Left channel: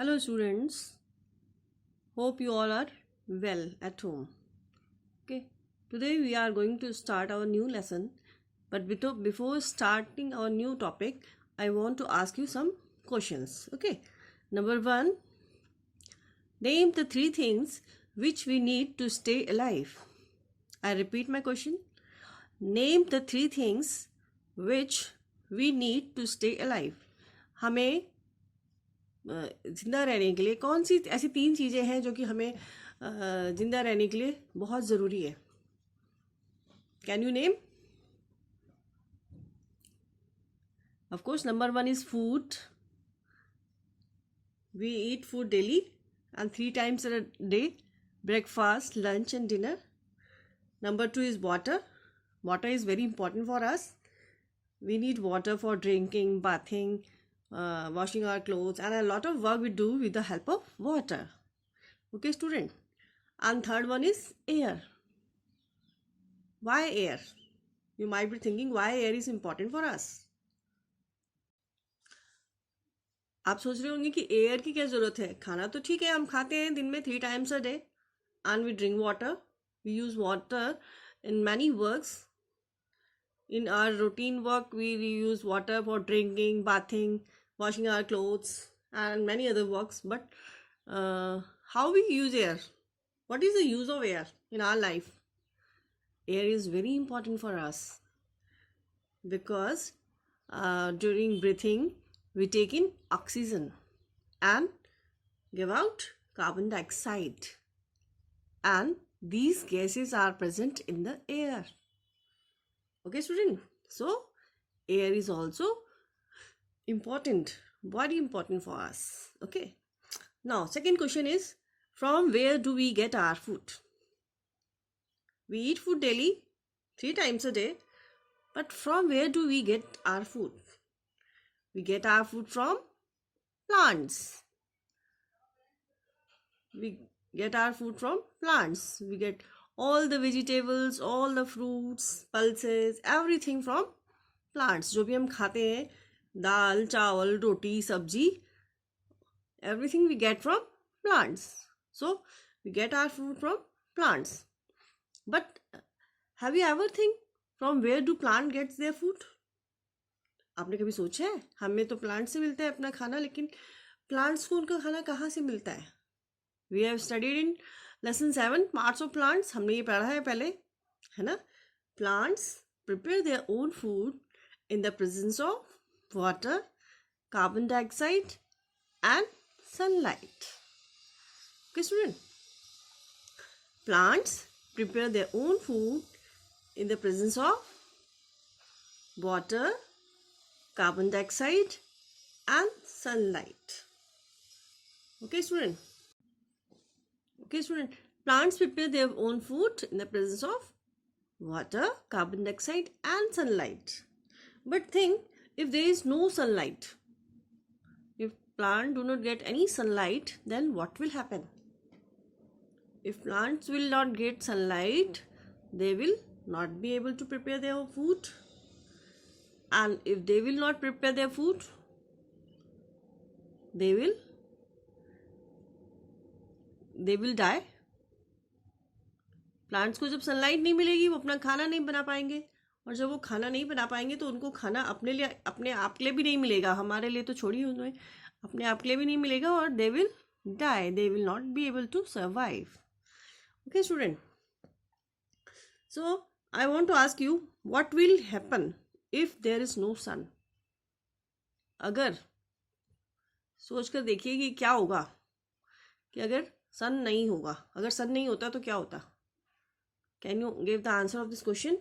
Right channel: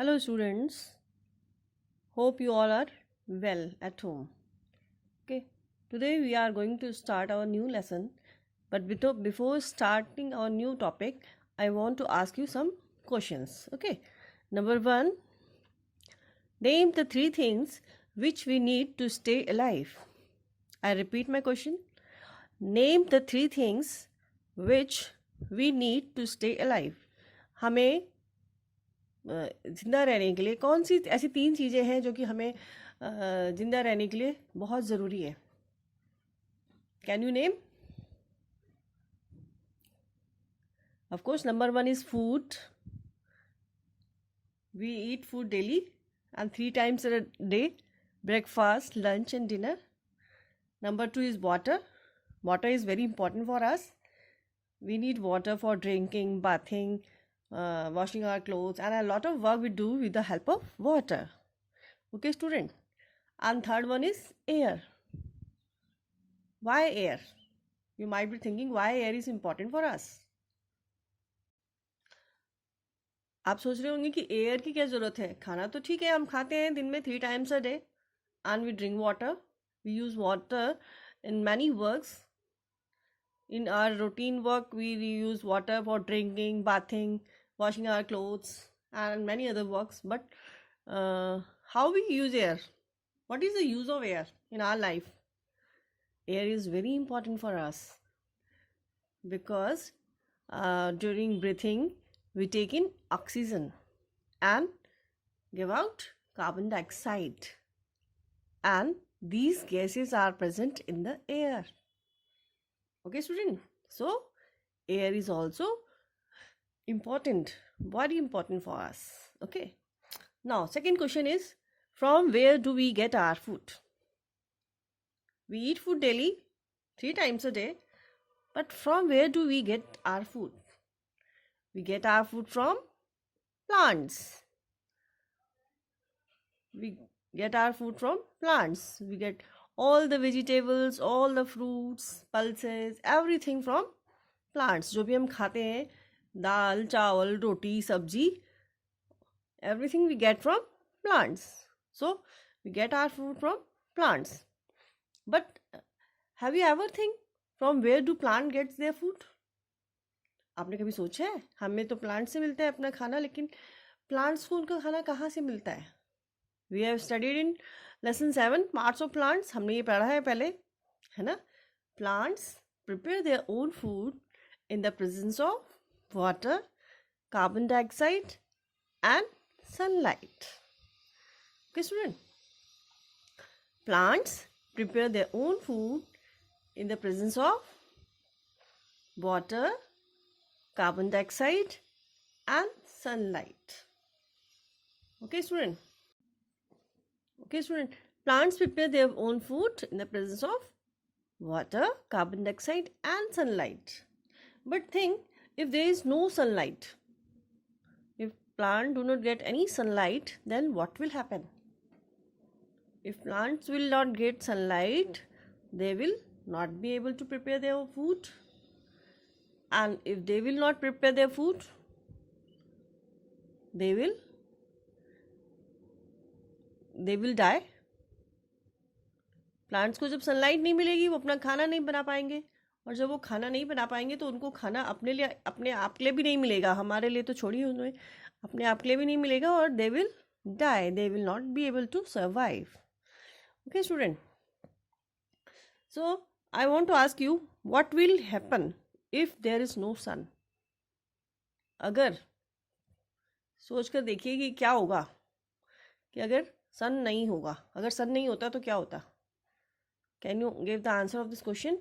Hello, students. Hope you all are well at home. Okay, today we are going to start our new lesson. But before starting our new topic, I want to ask you some questions. Okay, number one, name the three things which we need to stay alive. I repeat my question. Name the three things which we need to stay alive. हमें ज़िंदा रहने के लिए कौन सी ऐसी तीन चीज़ें हैं जो कि हमें ज़िंदा रहने के लिए बहुत ज़रूरी है. Can you name? Of course number one is food. We eat food daily and 3 times a day: breakfast, lunch and dinner. Number 2 is water. Water is very important for us. We need water for drinking, bathing, washing our clothes, and a lot of work we do with the help of water. Okay, student. And third one is air. Why air? You might be thinking why air is important for us. आप सोच रहे होंगे कि air की क्या ज़रूरत है. खाना तो ठीक है, हम खाते हैं दिन में 3 times a day and we drink water. We use water in many works. In our routine work, we use water for drinking, bathing, washing our clothes and many other works. But how we use air? What is the use of air in our life? Air is very important for us because during breathing, we take in oxygen and give out carbon dioxide, and these gases are present in the air. Okay, student. So air is also important, very important for us. Okay, now second question is, from where do we get our food? We eat food daily 3 times a day, but from where do we get our food? We get our food from plants. We get our food from plants. We get all the vegetables, all the fruits, pulses, everything from plants. जो भी हम खाते हैं, दाल, चावल, रोटी, सब्जी, everything we get from plants. So we get our food from plants. But have you ever think from where do plant gets their food? आपने कभी सोचा है? हमें तो प्लांट से मिलता है अपना खाना, लेकिन प्लांट्स को उनका खाना कहाँ से मिलता है? We have studied in lesson 7 parts of plants. हमने ये पढ़ा है पहले, है ना? Plants prepare their own food in the presence of water, carbon dioxide and sunlight. Okay student, plants prepare their own food in the presence of water, carbon dioxide and sunlight. Okay student. Plants prepare their own food in the presence of water, carbon dioxide and sunlight. But think, if there is no sunlight, if plants do not get any sunlight, then what will happen? If plants will not get sunlight, they will not be able to prepare their food. And if they will not prepare their food, they will die. Plants को जब sunlight नहीं मिलेगी, वो अपना खाना नहीं बना पाएंगे, और जब वो खाना नहीं बना पाएंगे तो उनको खाना अपने लिए, अपने आप के लिए भी नहीं मिलेगा. हमारे लिए तो छोड़िए, उन्हें अपने आप के लिए भी नहीं मिलेगा, और they will die. They will not be able to survive. Okay student, so I want to ask you, what will happen if there is no sun? अगर सोच कर देखिए कि क्या होगा कि अगर सन नहीं होगा, अगर सन नहीं होता तो क्या होता? Can you give the answer of this question?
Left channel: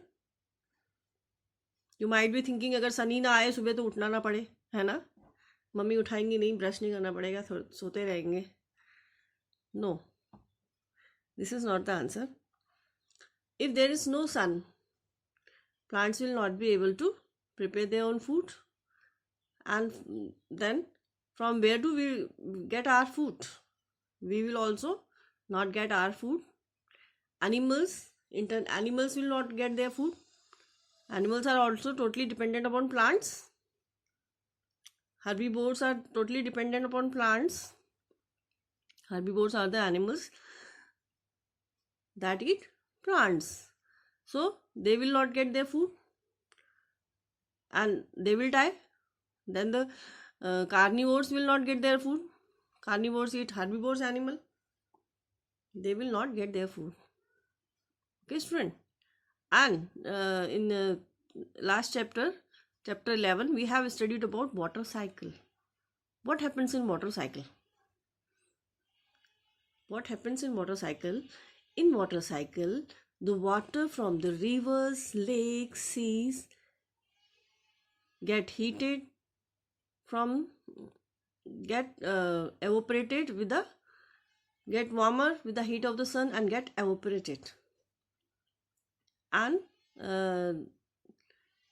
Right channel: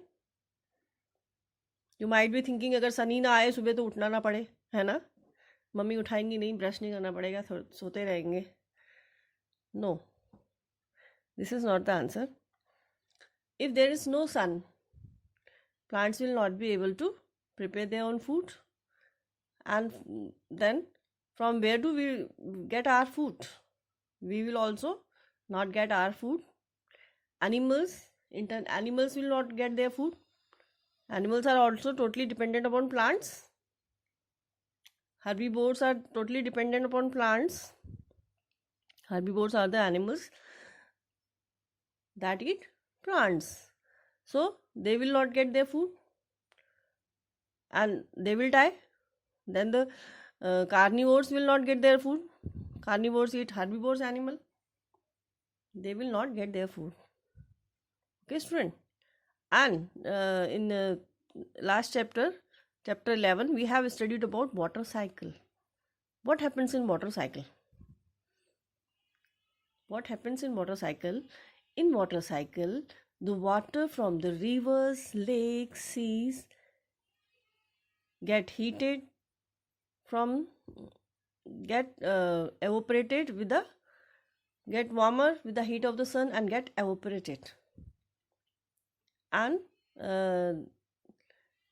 You might be thinking, अगर सन ही ना आए, सुबह तो उठना ना पड़े, है ना? मम्मी उठाएंगी नहीं, ब्रश नहीं करना पड़ेगा, सोते रहेंगे. No, this is not the answer. If there is no sun, plants will not be able to prepare their own food, and then from where do we get our food? We will also not get our food. Animals will not get their food. Animals are also totally dependent upon plants. Herbivores are totally dependent upon plants. Herbivores are the animals that eat plants. So they will not get their food and they will die. Then the carnivores will not get their food. Carnivores eat herbivores animal. They will not get their food. Okay, student. And in the last chapter, chapter 11, we have studied about water cycle. What happens in water cycle? What happens in water cycle? In water cycle, the water from the rivers, lakes, seas get heated get evaporated with the get warmer with the heat of the sun and get evaporated. And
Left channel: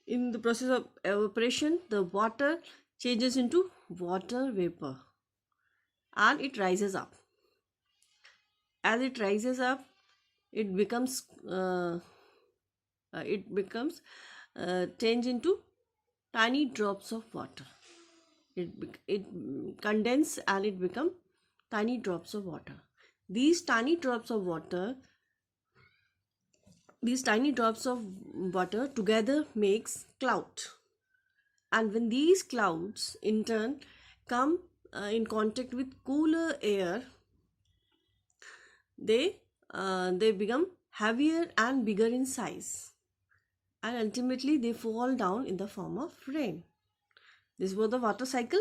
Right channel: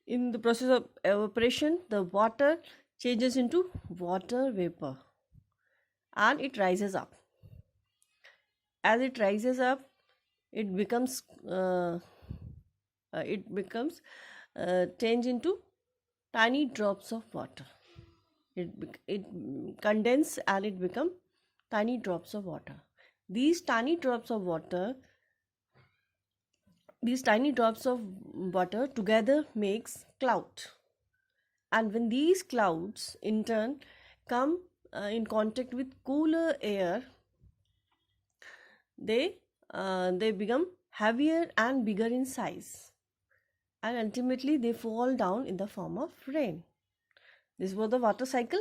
in the process of evaporation, the water changes into water vapor and it rises up. As it rises up, it becomes change into tiny drops of water. It condense and it become tiny drops of water. These tiny drops of water together makes cloud. And when these clouds in turn come in contact with cooler air, they become heavier and bigger in size, and ultimately they fall down in the form of rain. This was the water cycle.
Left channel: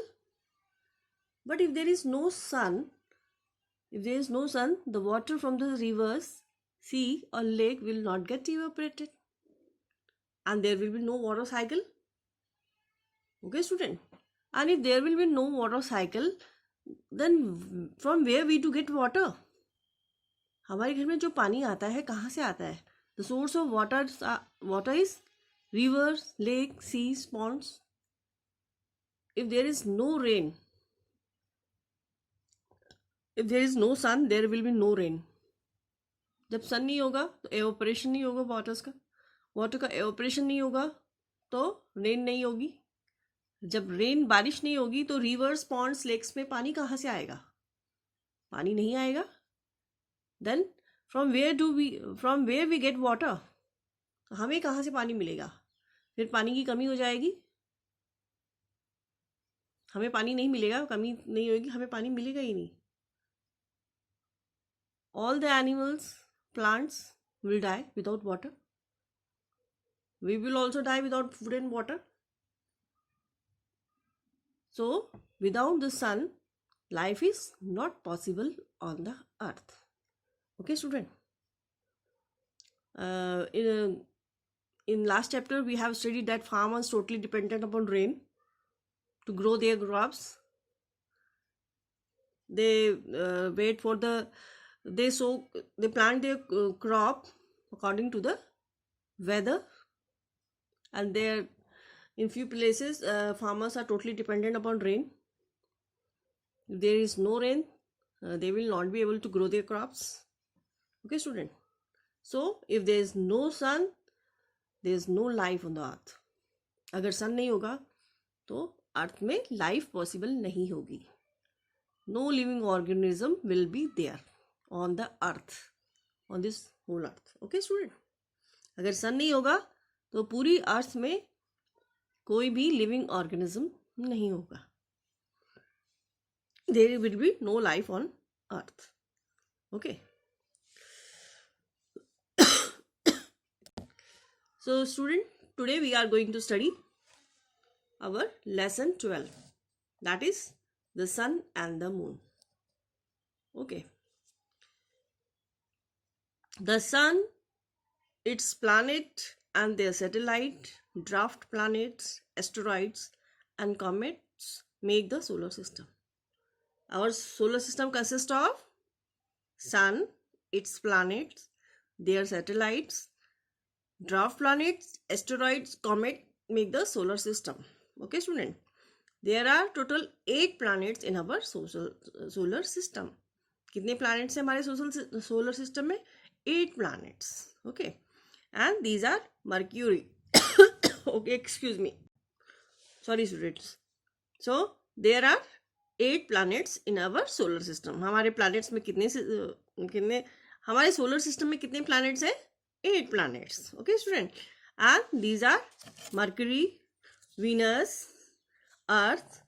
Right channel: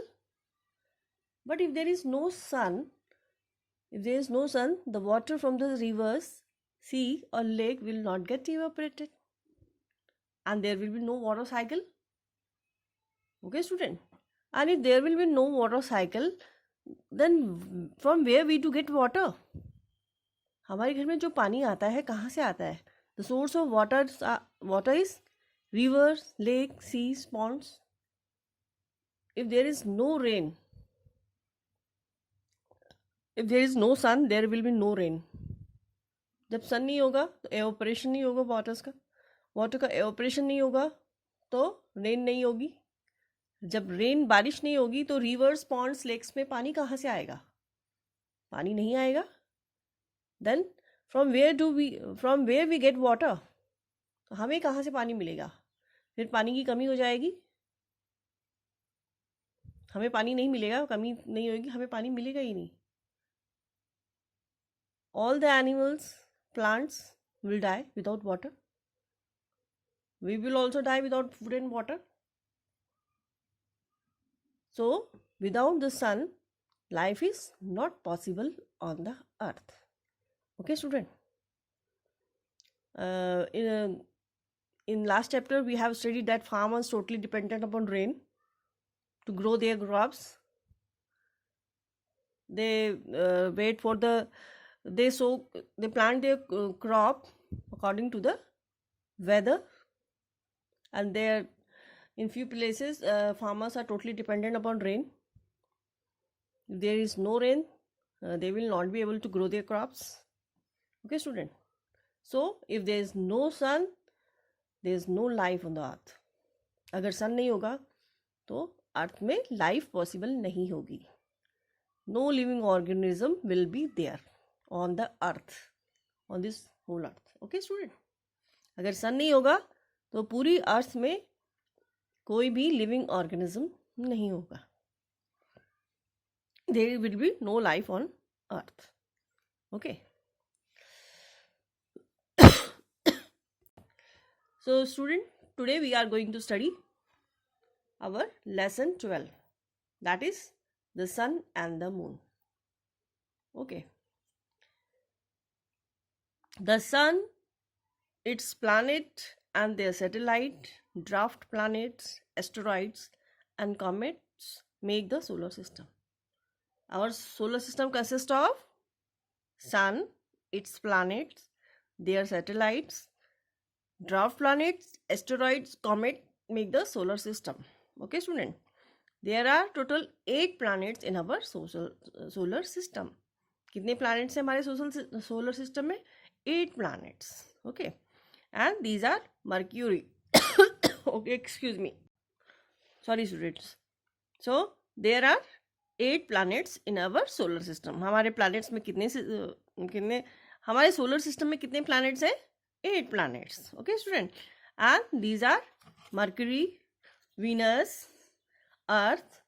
But if there is no sun, the water from the rivers, sea or lake will not get evaporated and there will be no water cycle. Okay, student? And if there will be no water cycle, then from where we to get water? हमारे घर में जो पानी आता है कहाँ से आता है? The source of water is rivers, lakes, seas, ponds. If there is no rain, if there is no sun, there will be no rain. जब सन नहीं होगा तो एवोपरेशन नहीं होगा वाटर का एवोपरेशन नहीं होगा तो रेन नहीं होगी. जब बारिश नहीं होगी तो रिवर्स, पॉन्ड्स, लेक्स में पानी कहाँ से आएगा? पानी नहीं आएगा. Then from where we get water. हमें कहाँ से पानी मिलेगा? फिर पानी की कमी हो जाएगी, हमें पानी नहीं मिलेगा, कमी नहीं होगी, हमें पानी मिलेगा ही नहीं. All the animals, plants will die without water. We will also die without food and water. So, without the sun, life is not possible on the earth. Okay, student? In last chapter, we have studied that farmers totally dependent upon rain to grow their crops. They wait for they plant their crop according to the weather, and in few places farmers are totally dependent upon rain. If there is no rain, they will not be able to grow their crops. Okay, student? So if there is no sun, there is no life on the earth. अगर sun नहीं होगा तो अर्थ में life possible नहीं होगी. No living organism will be there on the earth, on this whole earth. Okay, student? अगर सन नहीं होगा तो पूरी अर्थ में कोई भी लिविंग ऑर्गेनिज्म नहीं होगा. There will be no life on earth. Okay. So student, today we are going to study our lesson 12, that is the sun and the moon. Okay. The sun, its planet and their satellite, dwarf planets, asteroids and comets make the solar system. Our solar system consists of sun, its planets, their satellites, dwarf planets, asteroids, comet make the solar system. Okay, student? There are total 8 planets in our solar system. कितने planets हैं हमारे solar system में? 8 planets. Okay, and these are Mercury. Okay, excuse me. Sorry, students. So there are 8 planets in our solar system. हमारे planets में कितने हमारे solar system में कितने planets हैं? 8 planets. Okay, student. And these are Mercury, Venus, Earth,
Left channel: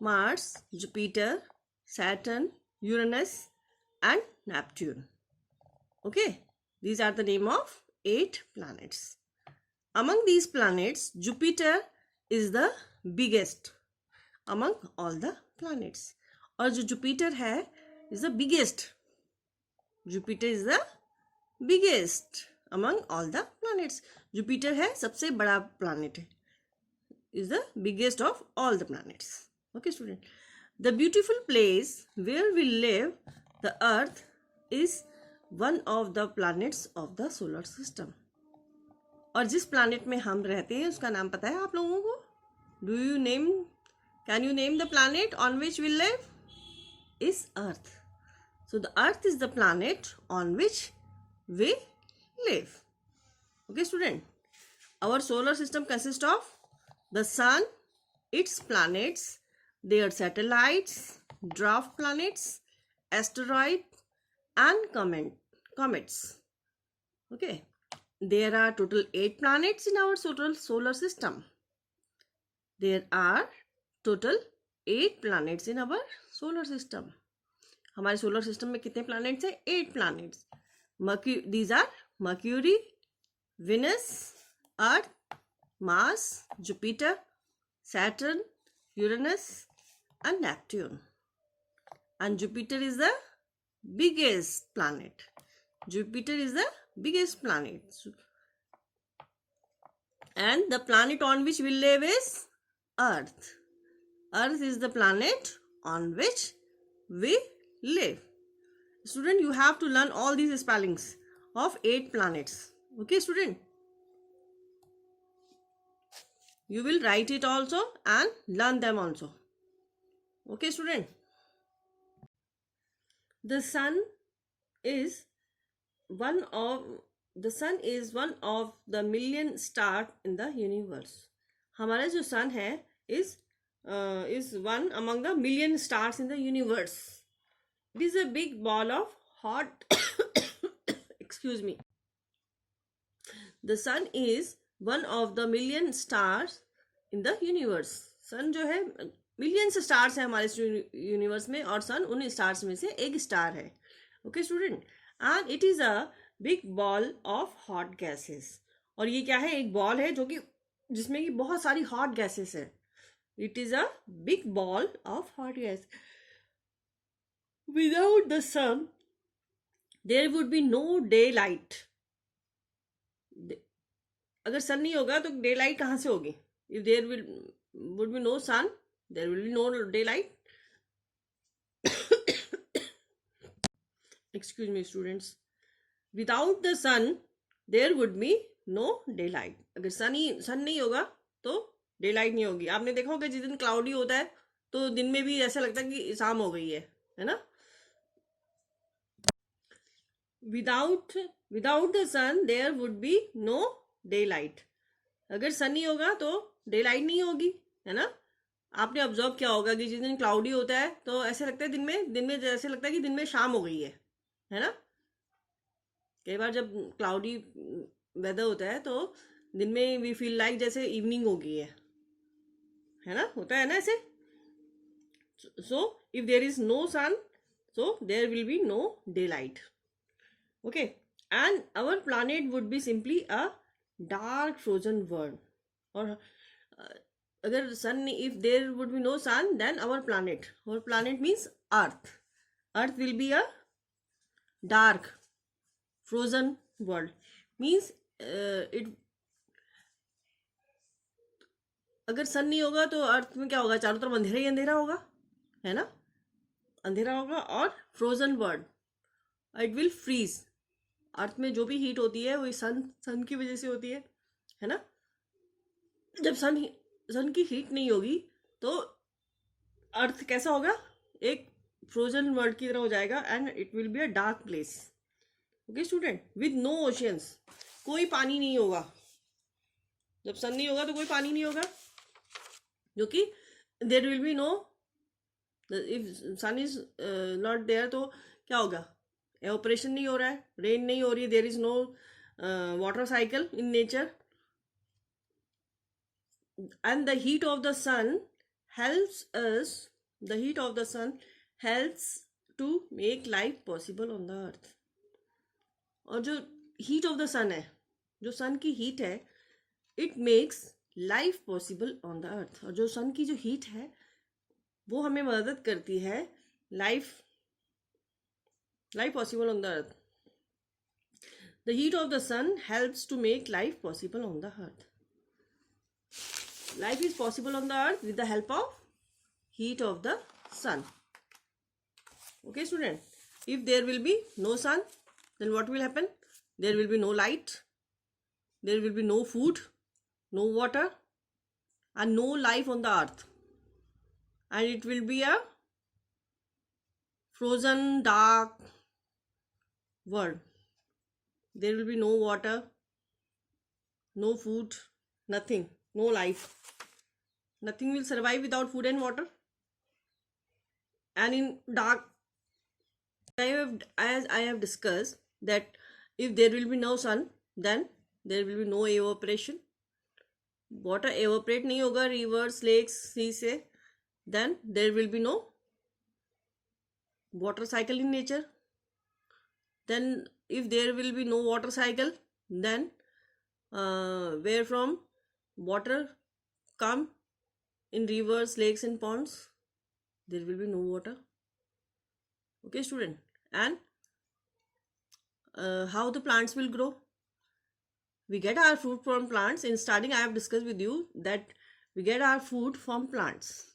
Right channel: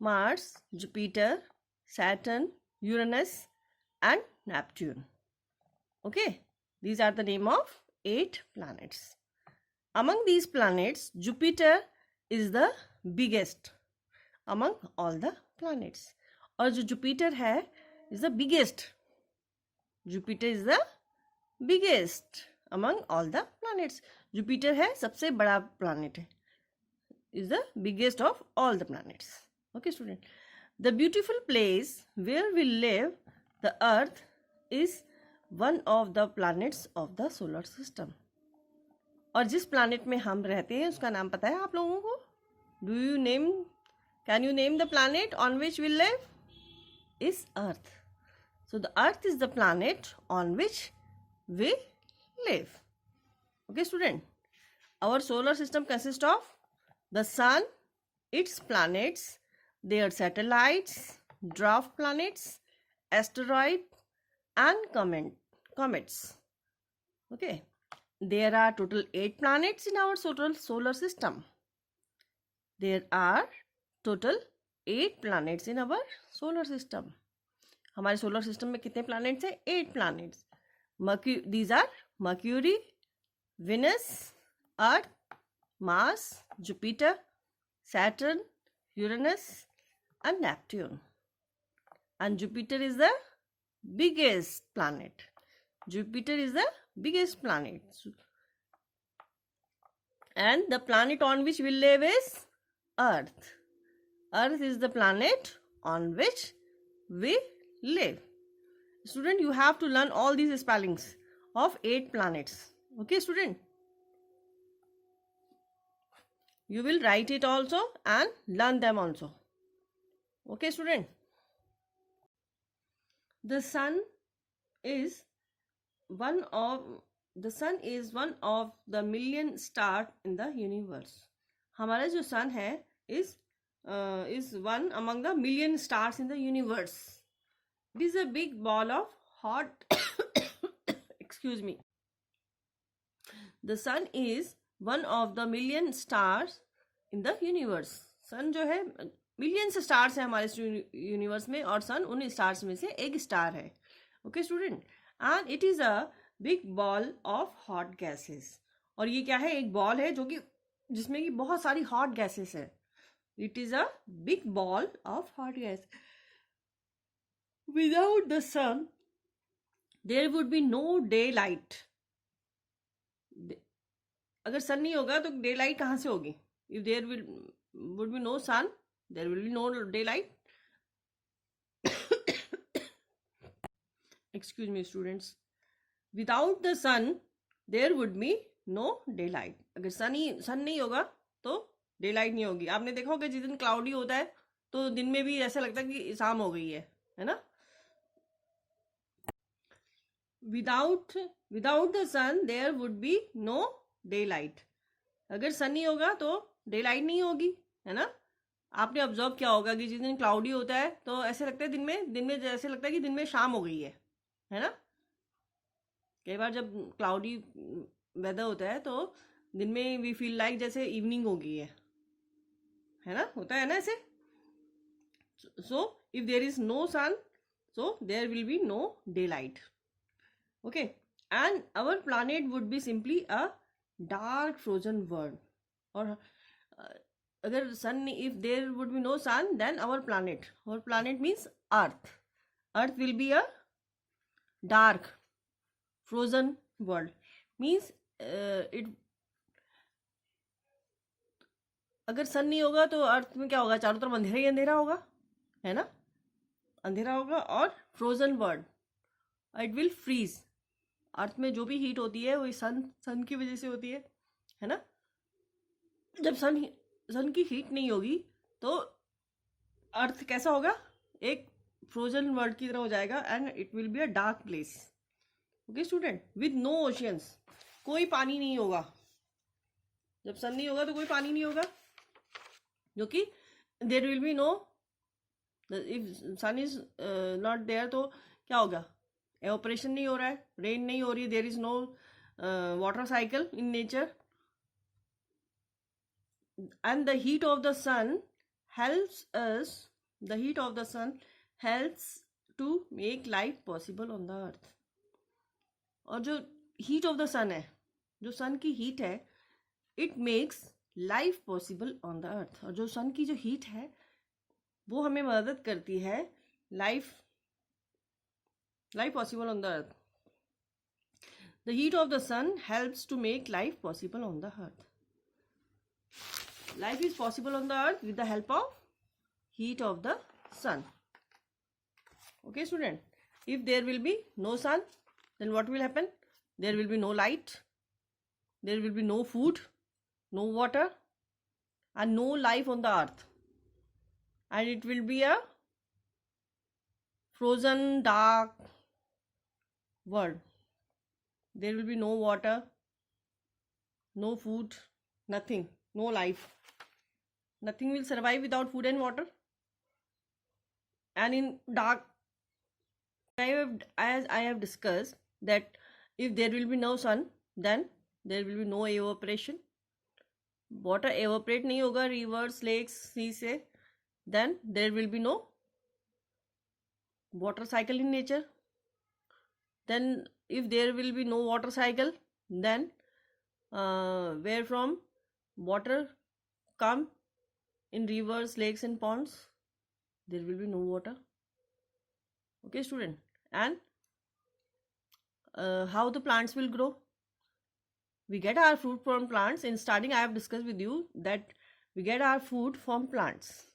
Mars, Jupiter, Saturn, Uranus, and Neptune. Okay, these are the name of 8 planets. Among these planets, Jupiter is the biggest among all the planets. और जो Jupiter है is the biggest. Jupiter is the biggest among all the planets. Jupiter है सबसे बड़ा planet है. Is the biggest of all the planets. Okay, student. The beautiful place where we live, the Earth, is one of the planets of the solar system. और जिस planet में हम रहते हैं उसका नाम पता है आप लोगों को? Can you name the planet on which we live? Is Earth. So the Earth is the planet on which we live. Okay, student. Our solar system consists of the Sun, its planets, their satellites, dwarf planets, asteroids, and comets. Okay. There are total 8 planets in our solar system. There are total 8 planets in our solar system. हमारे solar system में कितने planets हैं? 8 planets. These are Mercury, Venus, Earth, Mars, Jupiter, Saturn, Uranus, and Neptune. And Jupiter is the biggest planet. Jupiter is the biggest planet. And the planet on which we live is Earth. Earth is the planet on which we live. Student, you have to learn all these spellings of 8 planets. Okay, student? You will write it also and learn them also. Okay, student? The sun is one of the million stars in the universe. हमारा जो sun है is one among the million stars in the universe. It is a big ball of hot excuse me. The sun is one of the million stars in the universe. Sun जो है millions stars है हमारे universe में और sun उन stars में से एक star है. Okay, student? And it is a big ball of hot gases. और ये क्या है? एक ball है जो कि जिसमें कि बहुत सारी hot gases है. It is a big ball of hot gas. Without the sun, there would be no daylight. अगर sun नहीं होगा तो daylight कहाँ से होगी? If there would be no sun, there will be no daylight. Excuse me, students. Without the sun, there would be no daylight. अगर sun नहीं होगा तो daylight नहीं होगी. आपने देखा होगा जिस दिन cloudy होता है तो दिन में भी ऐसा लगता है कि शाम हो गई है ना? Without the sun, there would be no daylight. अगर sun नहीं होगा तो daylight नहीं होगी, है ना? आपने ऑब्जर्व किया होगा कि जिस दिन क्लाउडी होता है तो ऐसे लगता है दिन में जैसे लगता है कि दिन में शाम हो गई है ना? कई बार जब क्लाउडी वेदर होता है तो दिन में वी फील लाइक जैसे इवनिंग हो गई है ना? होता है ना ऐसे? So if there is no sun so there will be no daylight. Okay, and our planet would be simply a dark frozen world. और अगर sun, if there would be no sun, then our planet means earth will be a dark frozen world. Means अगर sun नहीं होगा तो अर्थ में क्या होगा? चारों तरफ अंधेरा ही अंधेरा होगा, है ना? अंधेरा होगा और frozen world, it will freeze. Earth में जो भी हीट होती है वो सन की वजह से होती है ना? जब सन की हीट नहीं होगी तो अर्थ कैसा होगा? एक फ्रोजन वर्ल्ड की तरह हो जाएगा and it will be a dark place. Okay student, with no oceans, कोई पानी नहीं होगा. जब सन नहीं होगा तो कोई पानी नहीं होगा, जो कि there will be no if sun is not there, तो क्या होगा? Evaporation नहीं हो रहा है, rain नहीं हो रही है, there is no water cycle in nature, and the heat of the sun helps us. The heat of the sun helps to make life possible on the earth. और जो heat of the sun है, जो sun की heat है, it makes life possible on the earth. और जो sun की जो heat है वो हमें मदद करती है life possible on the earth. The heat of the sun helps to make life possible on the earth. Life is possible on the earth with the help of heat of the sun. Okay, student. If there will be no sun, then what will happen? There will be no light, there will be no food, no water, and no life on the earth. And it will be a frozen, dark world. There will be no water, no food, nothing, no life. Nothing will survive without food and water. And in dark, as I have discussed, that if there will be no sun, then there will be no evaporation. Water evaporate नहीं होगा rivers, lakes, sea से, then there will be no water cycle in nature. Then if there will be no water cycle, then where from water come in rivers, lakes and ponds, there will be no water. Okay, student. And how the plants will grow? We get our food from plants. In starting, I have discussed with you that we get our food from plants.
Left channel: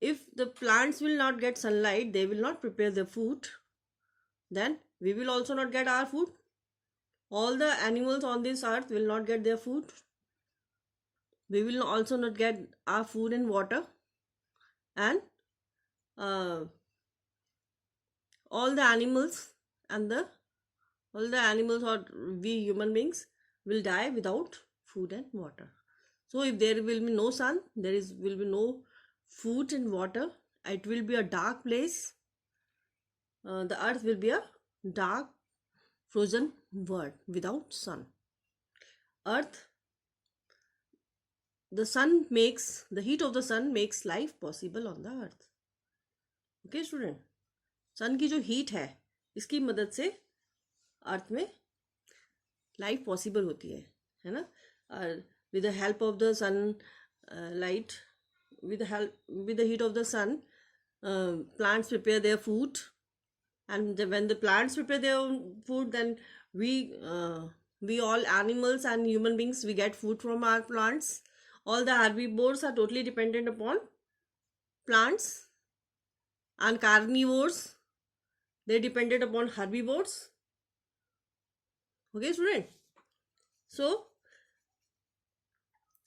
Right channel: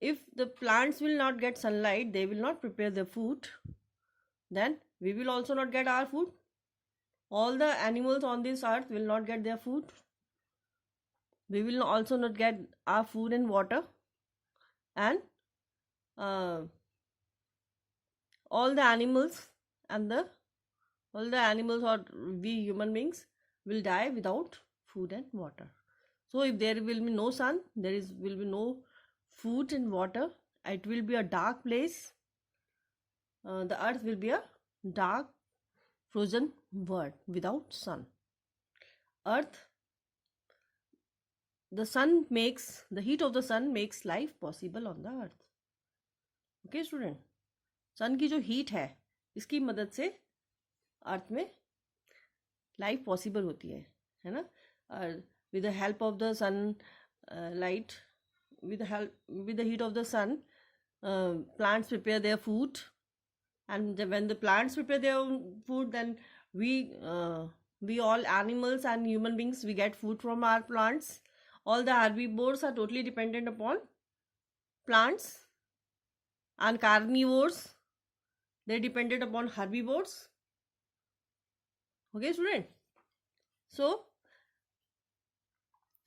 If the plants will not get sunlight, they will not prepare the food, then we will also not get our food. All the animals on this earth will not get their food. We will also not get our food and water. And all the animals or we human beings will die without food and water. So if there will be no sun, will be no food and water, it will be a dark place. The earth will be a dark, frozen world without sun. Earth, the heat of the sun makes life possible on the earth. Okay, student. सन की जो heat है इसकी मदद से अर्थ में life possible होती है ना. With the help of the sun light, with the heat of the sun, plants prepare their food, and when the plants prepare their food, then we all animals and human beings, we get food from our plants. All the herbivores are totally dependent upon plants, and carnivores, they depended upon herbivores. Okay, student. So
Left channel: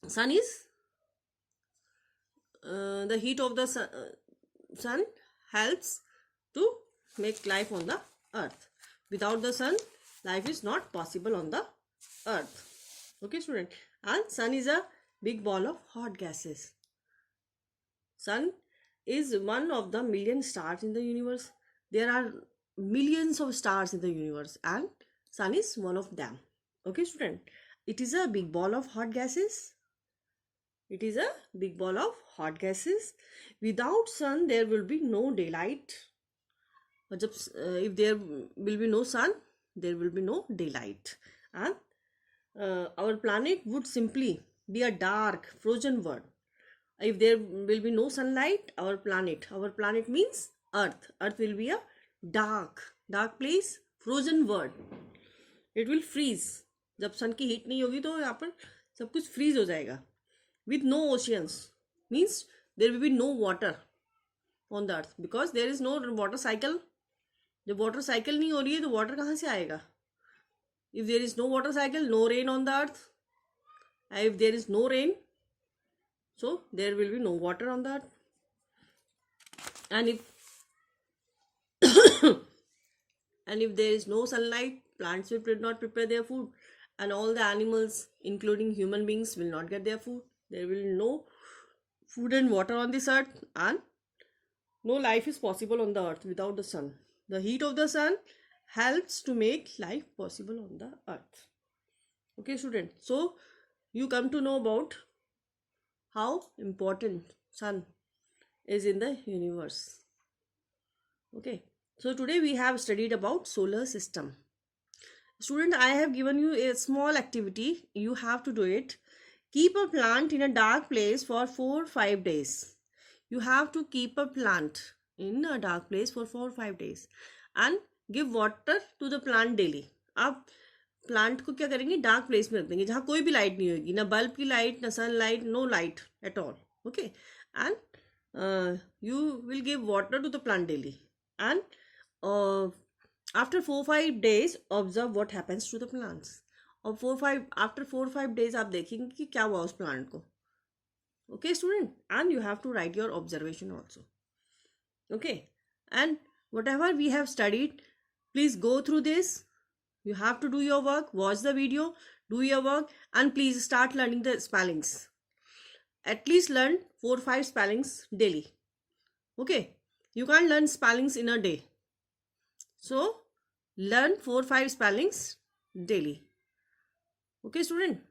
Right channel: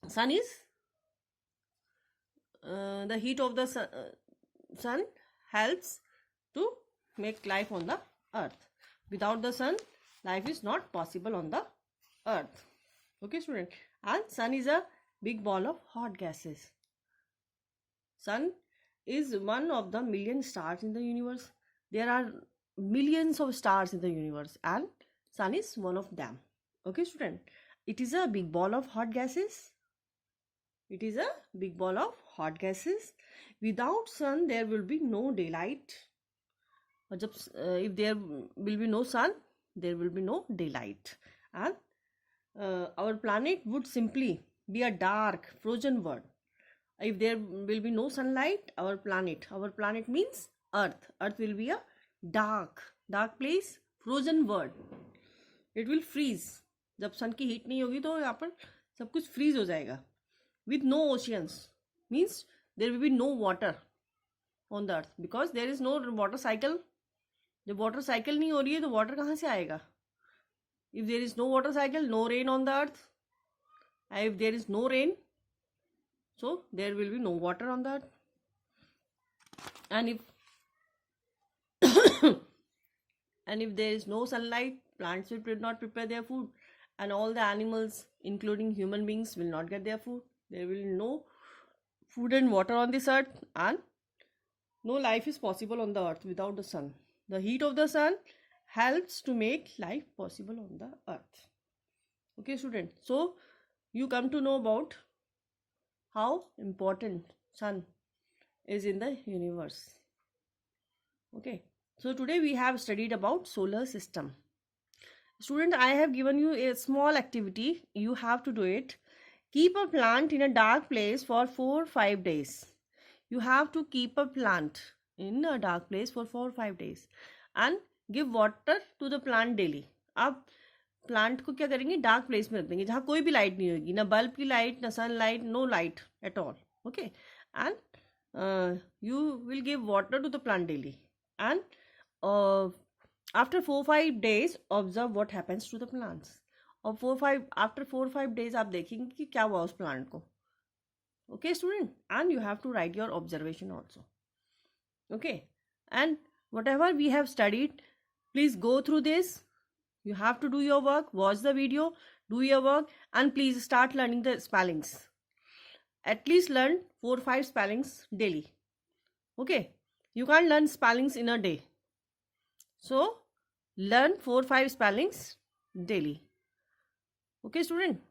sun is the heat of the sun helps to make life on the earth. Without the sun, life is not possible on the earth. Okay, student. And sun is a big ball of hot gases. Sun is one of the million stars in the universe. There are millions of stars in the universe, and sun is one of them. Okay, student. It is a big ball of hot gases. It is a big ball of hot gases. Without sun, there will be no daylight. If there will be no sun, there will be no daylight. And our planet would simply be a dark, frozen world. If there will be no sunlight, our planet means Earth. Earth will be a dark place, frozen world. It will freeze. जब सन की heat नहीं होगी तो यहाँ पर सब कुछ freeze हो जाएगा. With no oceans means there will be no water on the earth, because there is no water cycle. जब water cycle नहीं हो रही है तो water कहाँ से आएगा? If there is no water cycle, no rain on the earth. If there is no rain, so there will be no water on the earth. And if there is no sunlight, plants will not prepare their food, and all the animals, including human beings, will not get their food. There will be no food and water on this earth, and no life is possible on the earth without the sun. The heat of the sun helps to make life possible on the earth. Okay, student. So you come to know about how important sun is in the universe. Okay. So today we have studied about solar system. Student, I have given you a small activity. You have to do it. Keep a plant in a dark place for 4-5 days. You have to keep a plant in a dark place for 4-5 days and give water to the plant daily. आप plant को क्या करेंगे, dark place में रख देंगे जहाँ कोई भी लाइट नहीं होगी, ना बल्ब की लाइट, ना sunlight, no light at all. Okay, and you will give water to the plant daily, and after 4-5 days observe what happens to the plants. और after 4-5 days आप देखेंगे कि क्या हुआ उस प्लांट को. Okay, student, and you have to write your observation also. Okay, and whatever we have studied, please go through this. You have to do your work, watch the video, do your work, and please start learning the spellings. At least learn 4-5 spellings daily. Okay, you can't learn spellings in a day, so learn 4-5 spellings daily. Okay, student.